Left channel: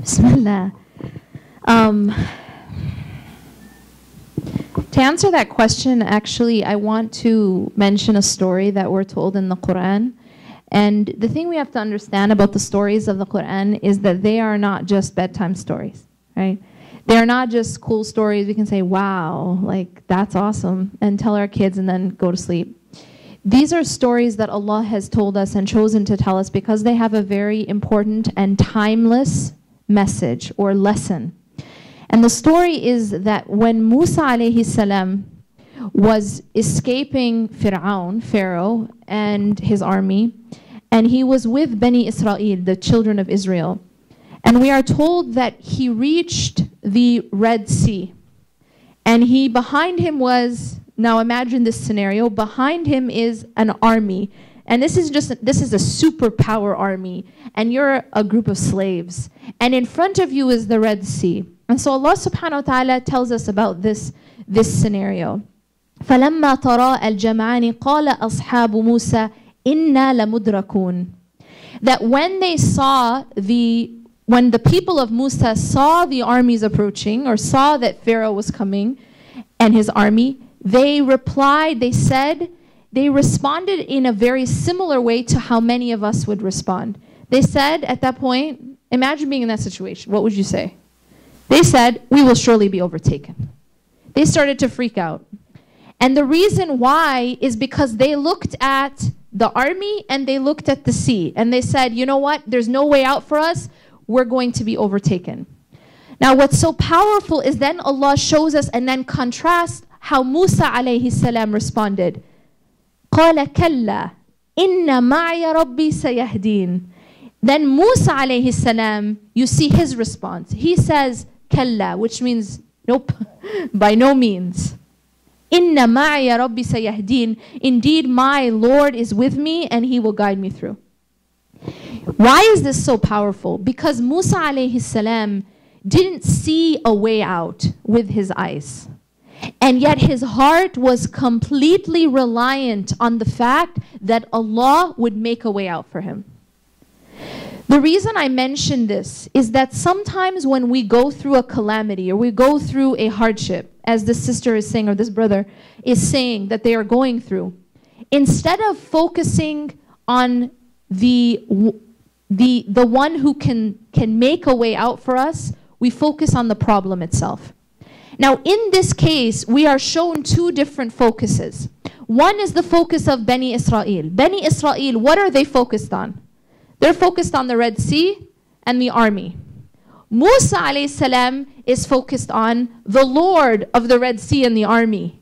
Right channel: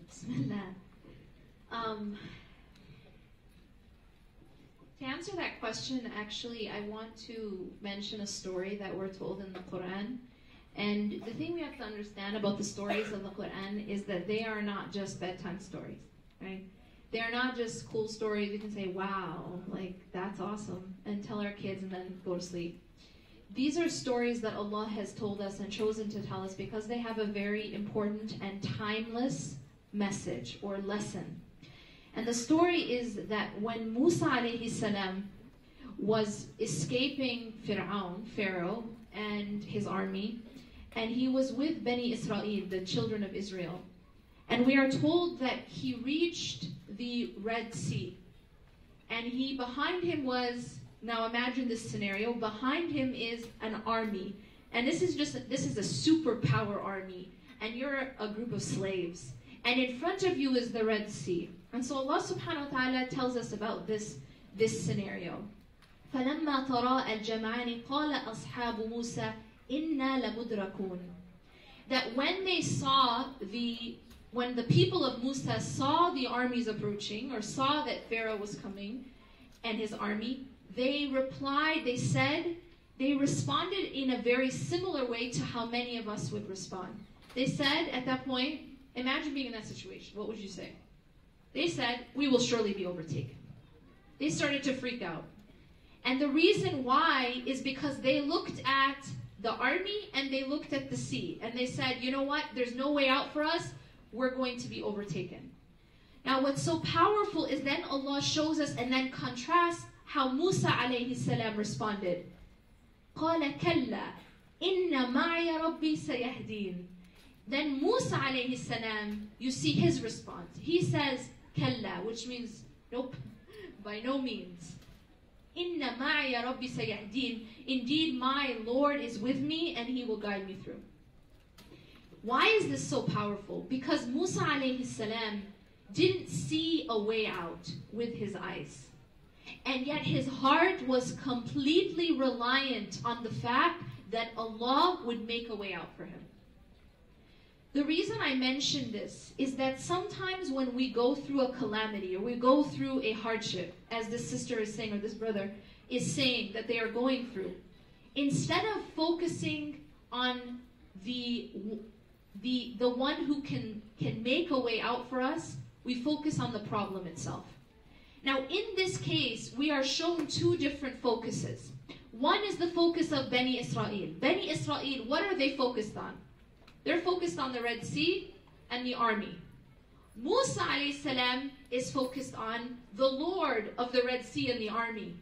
Bismillah. To answer that question, actually, I want to mention a story that we're told in the Quran. And the thing we have to understand about the stories of the Quran is that they are not just bedtime stories, right? They are not just cool stories we can say, wow, like that's awesome, and tell our kids and then go to sleep. These are stories that Allah has told us and chosen to tell us because they have a very important and timeless message or lesson. And the story is that when Musa alayhi salam was escaping Pharaoh and his army, and he was with Bani Israel, the children of Israel. And we are told that he reached the Red Sea. And behind him was, now imagine this scenario, behind him is an army. And this is a superpower army. And you're a group of slaves. And in front of you is the Red Sea. And so Allah subhanahu wa ta'ala tells us about this scenario. فَلَمَّا تَرَاءَ الْجَمْعَانِ قَالَ أَصْحَابُ مُوسَى إِنَّا لَمُدْرَكُونَ. That when the people of Musa saw the armies approaching, or saw that Pharaoh was coming and his army, they responded in a very similar way to how many of us would respond. They said at that point, imagine being in that situation, what would you say? They said, we will surely be overtaken. They started to freak out. And the reason why is because they looked at the army and they looked at the sea. And they said, you know what? There's no way out for us. We're going to be overtaken. Now, what's so powerful is then Allah shows us and then contrasts how Musa alayhi salam responded. قَالَ كَلَّا إِنَّ مَعِيَ رَبِّي سَيَهْدِينَ. Then Musa alayhi salam, you see his response. He says, كَلَّا, which means, nope, by no means. Inna ma'ya rabbi sayahdin. Indeed, my Lord is with me and he will guide me through. Why is this so powerful? Because Musa alayhi salam didn't see a way out with his eyes. And yet his heart was completely reliant on the fact that Allah would make a way out for him. The reason I mention this is that sometimes when we go through a calamity or we go through a hardship, as this sister is saying or this brother is saying that they are going through, instead of focusing on the one who can make a way out for us, we focus on the problem itself. Now, in this case, we are shown two different focuses. One is the focus of Bani Israel. Bani Israel, what are they focused on? They're focused on the Red Sea and the army. Musa alayhi salam is focused on the Lord of the Red Sea and the army.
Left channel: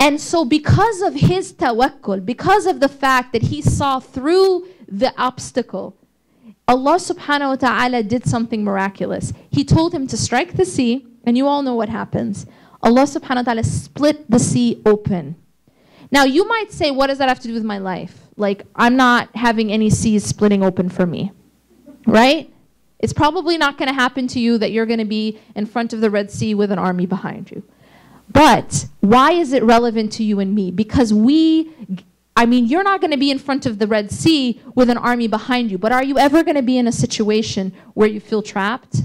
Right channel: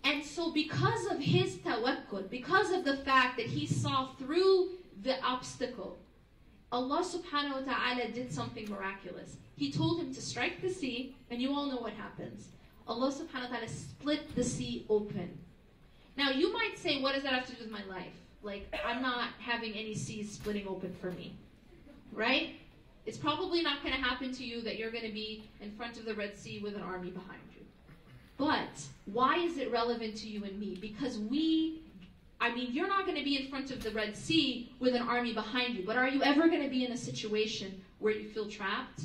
And so because of his tawakkul, because of the fact that he saw through the obstacle, Allah subhanahu wa ta'ala did something miraculous. He told him to strike the sea, and you all know what happens. Allah subhanahu wa ta'ala split the sea open. Now you might say, what does that have to do with my life? Like, I'm not having any seas splitting open for me, right? It's probably not going to happen to you that you're going to be in front of the Red Sea with an army behind you. But why is it relevant to you and me? Because you're not going to be in front of the Red Sea with an army behind you, but are you ever going to be in a situation where you feel trapped?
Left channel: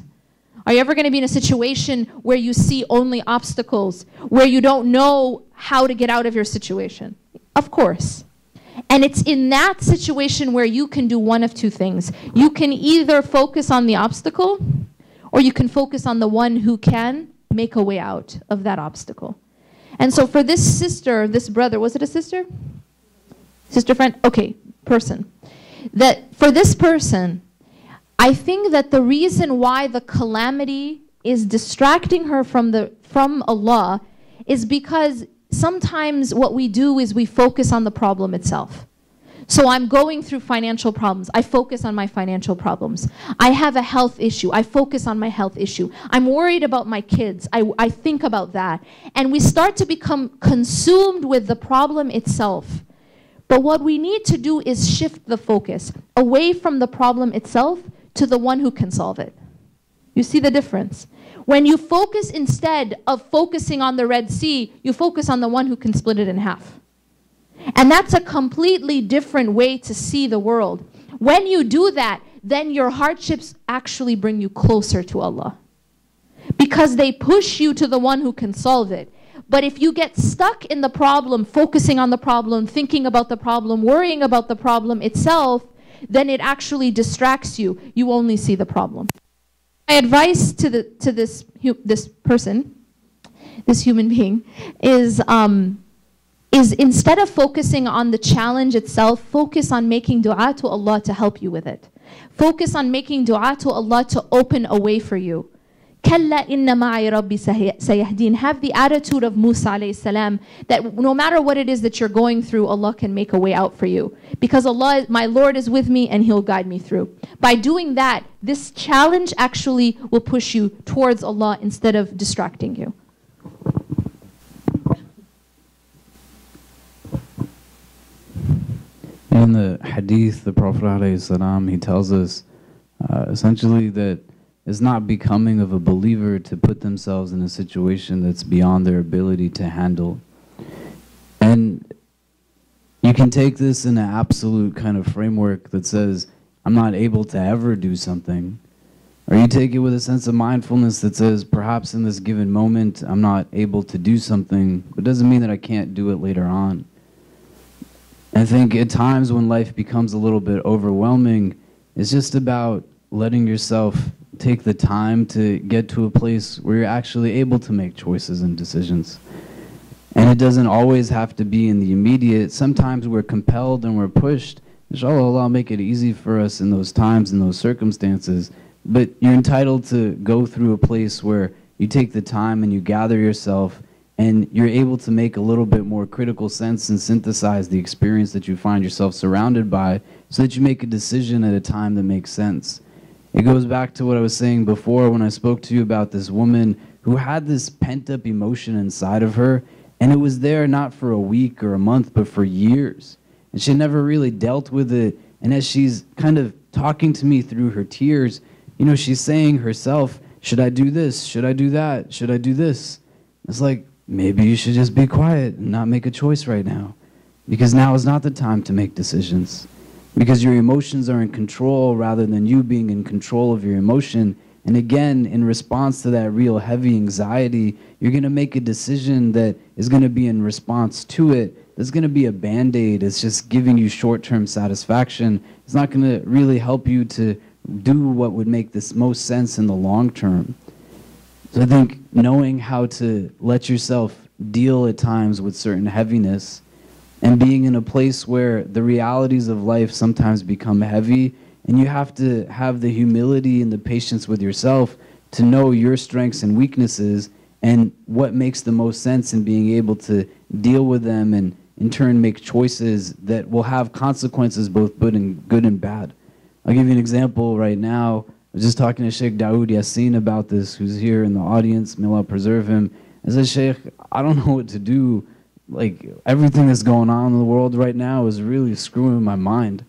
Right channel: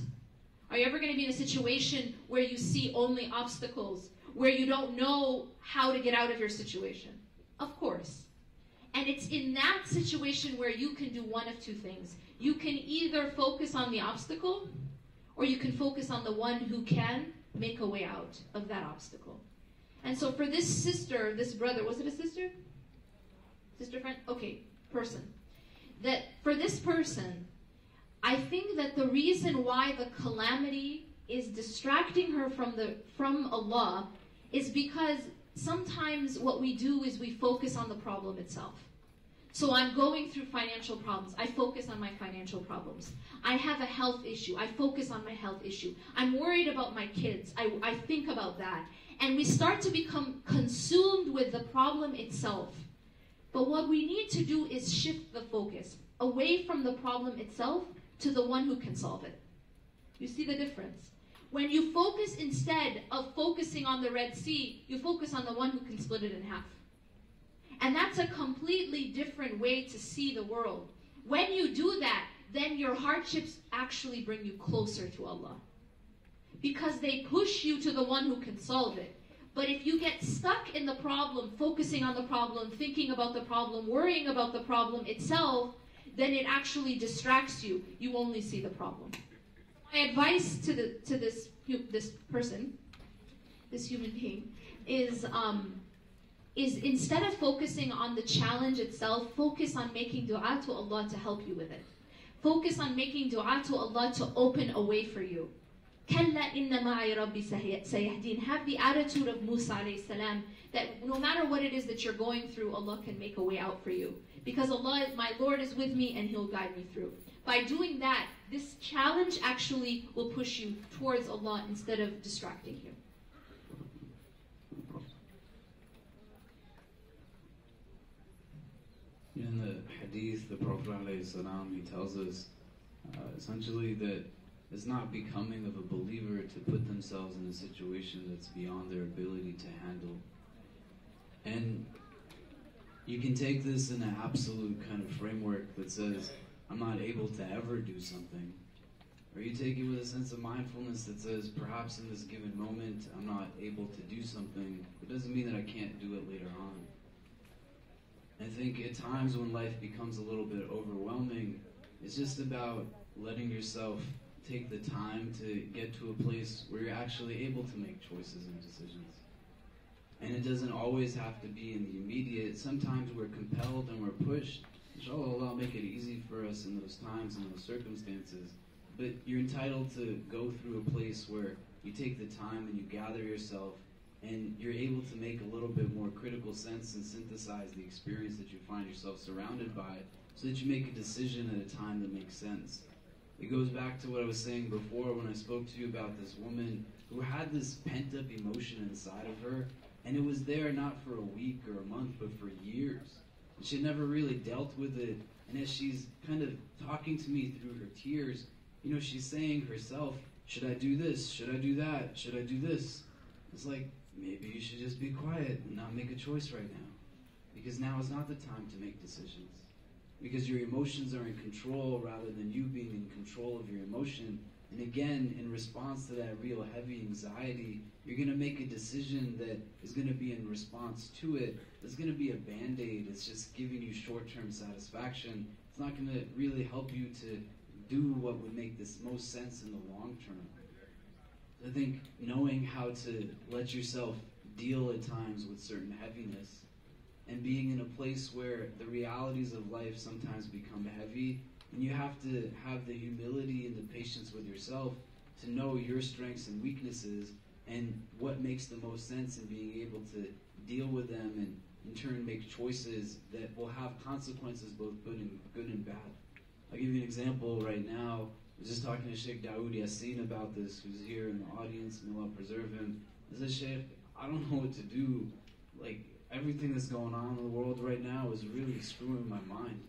Are you ever going to be in a situation where you see only obstacles, where you don't know how to get out of your situation? Of course. And it's in that situation where you can do one of two things. You can either focus on the obstacle, or you can focus on the one who can make a way out of that obstacle. And so for this sister, this brother, was it a sister? Sister friend? Okay, person. That for this person, I think that the reason why the calamity is distracting her from Allah is because sometimes what we do is we focus on the problem itself. So I'm going through financial problems. I focus on my financial problems. I have a health issue. I focus on my health issue. I'm worried about my kids. I think about that. And we start to become consumed with the problem itself. But what we need to do is shift the focus away from the problem itself to the one who can solve it. You see the difference? When you focus, instead of focusing on the Red Sea, you focus on the one who can split it in half. And that's a completely different way to see the world. When you do that, then your hardships actually bring you closer to Allah. Because they push you to the one who can solve it. But if you get stuck in the problem, focusing on the problem, thinking about the problem, worrying about the problem itself, then it actually distracts you. You only see the problem. My advice to this person, this human being, is instead of focusing on the challenge itself, focus on making dua to Allah to help you with it. Focus on making dua to Allah to open a way for you. كَلَّا إِنَّ مَعِي رَبِّي سَيَهْدِينَ. Have the attitude of Musa alayhi salam, that no matter what it is that you're going through, Allah can make a way out for you. Because Allah, my Lord, is with me and He'll guide me through. By doing that, this challenge actually will push you towards Allah instead of distracting you. In the hadith, the Prophet ﷺ, he tells us essentially that it's not becoming of a believer to put themselves in a situation that's beyond their ability to handle. And you can take this in an absolute kind of framework that says, I'm not able to ever do something. Or you take it with a sense of mindfulness that says, perhaps in this given moment, I'm not able to do something, but it doesn't mean that I can't do it later on. I think at times when life becomes a little bit overwhelming, it's just about letting yourself take the time to get to a place where you're actually able to make choices and decisions. And it doesn't always have to be in the immediate. Sometimes we're compelled and we're pushed. Inshallah, Allah will make it easy for us in those times, in those circumstances. But you're entitled to go through a place where you take the time and you gather yourself and you're able to make a little bit more critical sense and synthesize the experience that you find yourself surrounded by so that you make a decision at a time that makes sense. It goes back to what I was saying before when I spoke to you about this woman who had this pent-up emotion inside of her, and it was there not for a week or a month, but for years. And she never really dealt with it. And as she's kind of talking to me through her tears, you know, she's saying herself, should I do this? Should I do that? Should I do this? It's like, maybe you should just be quiet and not make a choice right now. Because now is not the time to make decisions. Because your emotions are in control rather than you being in control of your emotion. And again, in response to that real heavy anxiety, you're going to make a decision that is going to be in response to it. It's going to be a band-aid. It's just giving you short-term satisfaction. It's not going to really help you to do what would make this most sense in the long term. So I think knowing how to let yourself deal at times with certain heaviness and being in a place where the realities of life sometimes become heavy, and you have to have the humility and the patience with yourself to know your strengths and weaknesses and what makes the most sense in being able to deal with them and in turn make choices that will have consequences both good and bad. I'll give you an example right now. I was just talking to Sheikh Dawood Yassin about this, who's here in the audience. May Allah preserve him. I said, Sheikh, I don't know what to do. Like, everything that's going on in the world right now is really screwing my mind.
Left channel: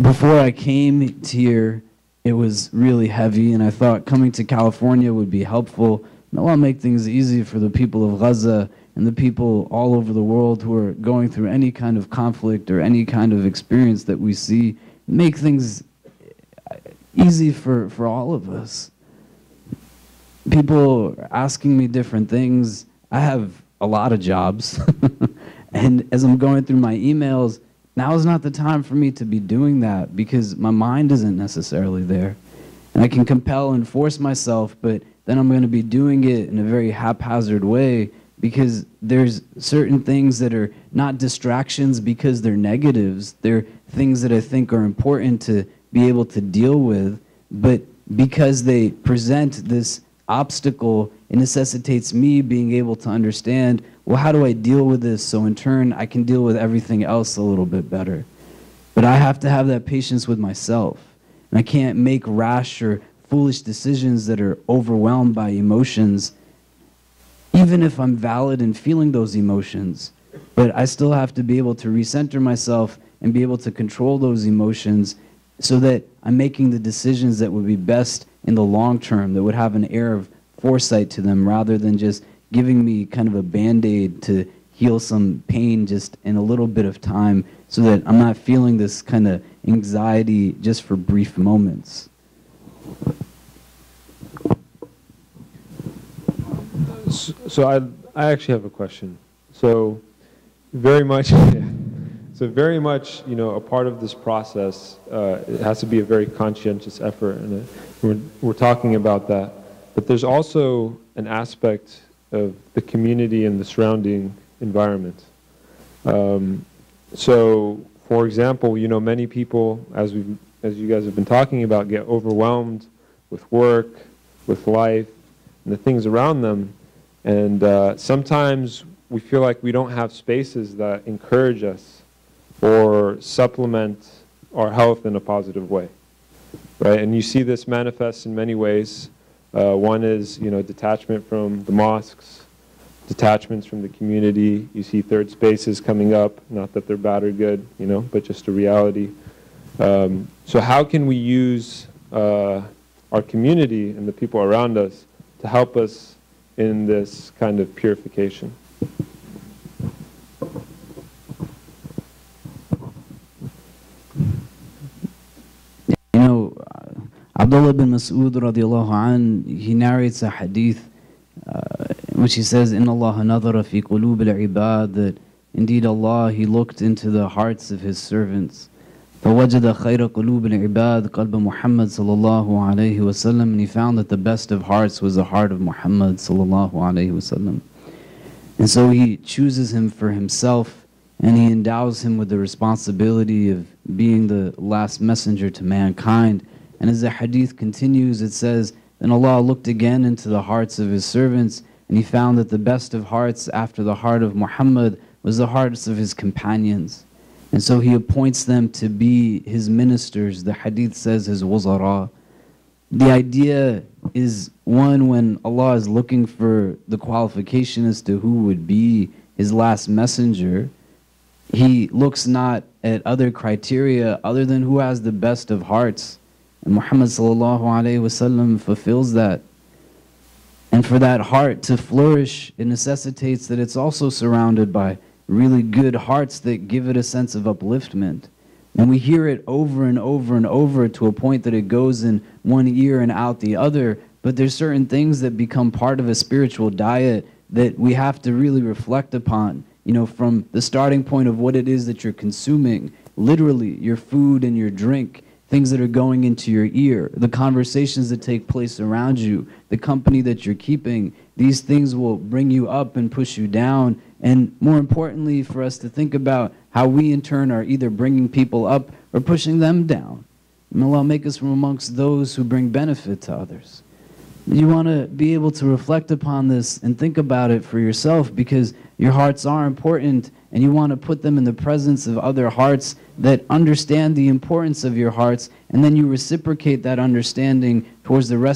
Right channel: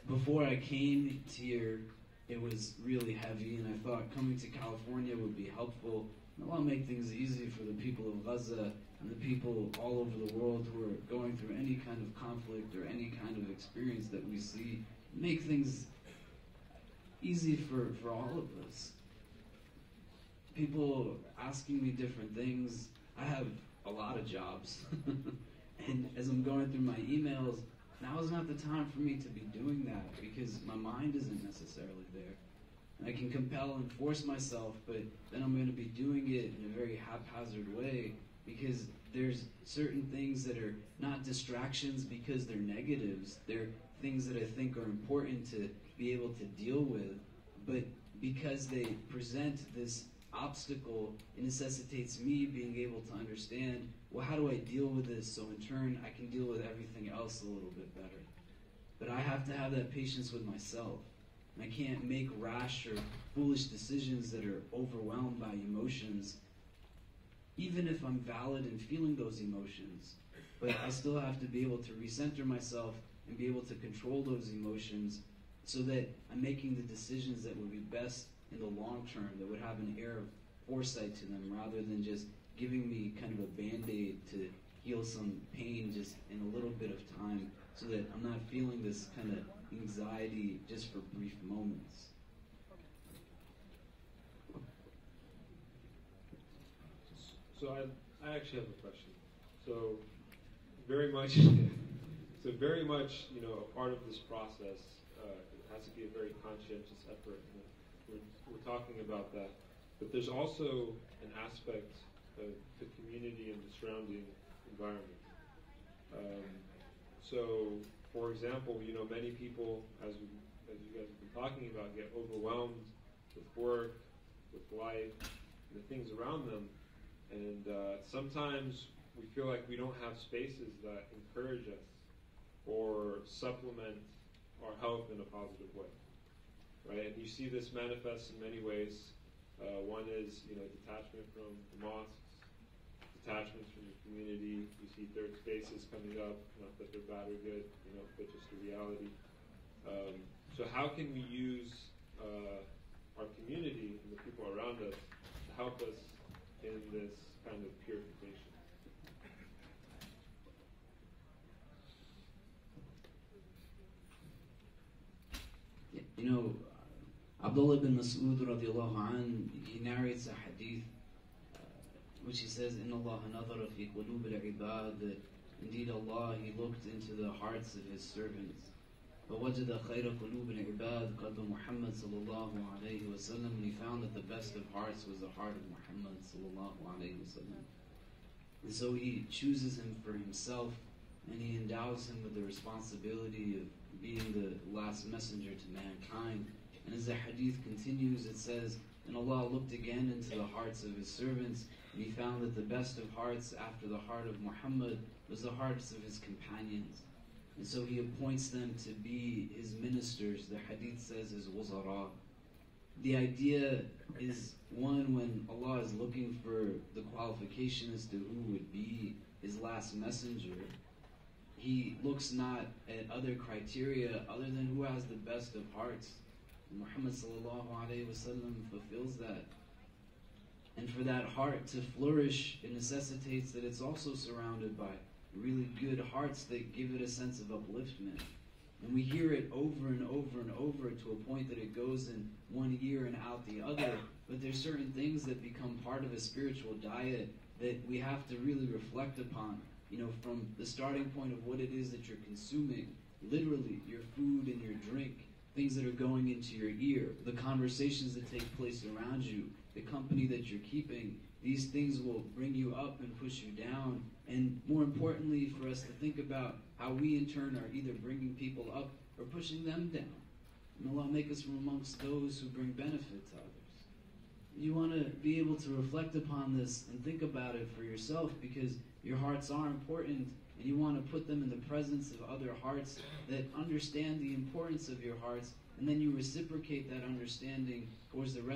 Before I came here, it was really heavy, and I thought coming to California would be helpful. May Allah make things easy for the people of Gaza and the people all over the world who are going through any kind of conflict or any kind of experience that we see. Make things easy for all of us. People are asking me different things. I have a lot of jobs. And as I'm going through my emails, now is not the time for me to be doing that because my mind isn't necessarily there. And I can compel and force myself, but then I'm going to be doing it in a very haphazard way because there's certain things that are not distractions because they're negatives. They're things that I think are important to be able to deal with, but because they present this obstacle, it necessitates me being able to understand, well, how do I deal with this so in turn I can deal with everything else a little bit better. But I have to have that patience with myself. And I can't make rash or foolish decisions that are overwhelmed by emotions, even if I'm valid in feeling those emotions. But I still have to be able to recenter myself and be able to control those emotions so that I'm making the decisions that would be best in the long term, that would have an air of foresight to them rather than just giving me kind of a band-aid to heal some pain just in a little bit of time so that I'm not feeling this kind of anxiety just for brief moments. So I actually have a question. So very much, a part of this process, it has to be a very conscientious effort, and we're talking about that. But there's also an aspect of the community and the surrounding environment. So, for example, many people, as you guys have been talking about, get overwhelmed with work, with life, and the things around them. And sometimes we feel like we don't have spaces that encourage us or supplement our health in a positive way, right? And you see this manifest in many ways. One is, detachment from the mosques, detachments from the community. You see third spaces coming up, not that they're bad or good, but just a reality. So how can we use our community and the people around us to help us in this kind of purification? Abdullah bin Mas'ud radiallahu an, he narrates a hadith which he says, "Inna Allah nadhara fi qulub al-ibad," that indeed Allah, He looked into the hearts of His servants. فَوَجَدَ خَيْرَ قُلُوبِ الْعِبَادِ قَلْبَ مُحَمَّدٍ صَلَّى اللَّهُ عَلَيْهِ وَسَلَّمَ, and he found that the best of hearts was the heart of Muhammad sallallahu alayhi wasallam. And so He chooses him for Himself, and He endows him with the responsibility of being the last messenger to mankind. And as the hadith continues, it says, then Allah looked again into the hearts of His servants, and He found that the best of hearts after the heart of Muhammad was the hearts of His companions. And so He appoints them to be His ministers. The hadith says His wuzara. The idea is, one, when Allah is looking for the qualification as to who would be His last messenger, He looks not at other criteria other than who has the best of hearts. And Muhammad sallallahu alayhi wasallam fulfills that. And for that heart to flourish, it necessitates that it's also surrounded by really good hearts that give it a sense of upliftment. And we hear it over and over and over to a point that it goes in one ear and out the other. But there's certain things that become part of a spiritual diet that we have to really reflect upon. From the starting point of what it is that you're consuming, literally your food and your drink, things that are going into your ear, the conversations that take place around you, the company that you're keeping. These things will bring you up and push you down. And more importantly, for us to think about how we in turn are either bringing people up or pushing them down. May Allah make us from amongst those who bring benefit to others. You want to be able to reflect upon this and think about it for yourself, because your hearts are important, and you want to put them in the presence of other hearts that understand the importance of your hearts, and then you reciprocate that understanding towards the rest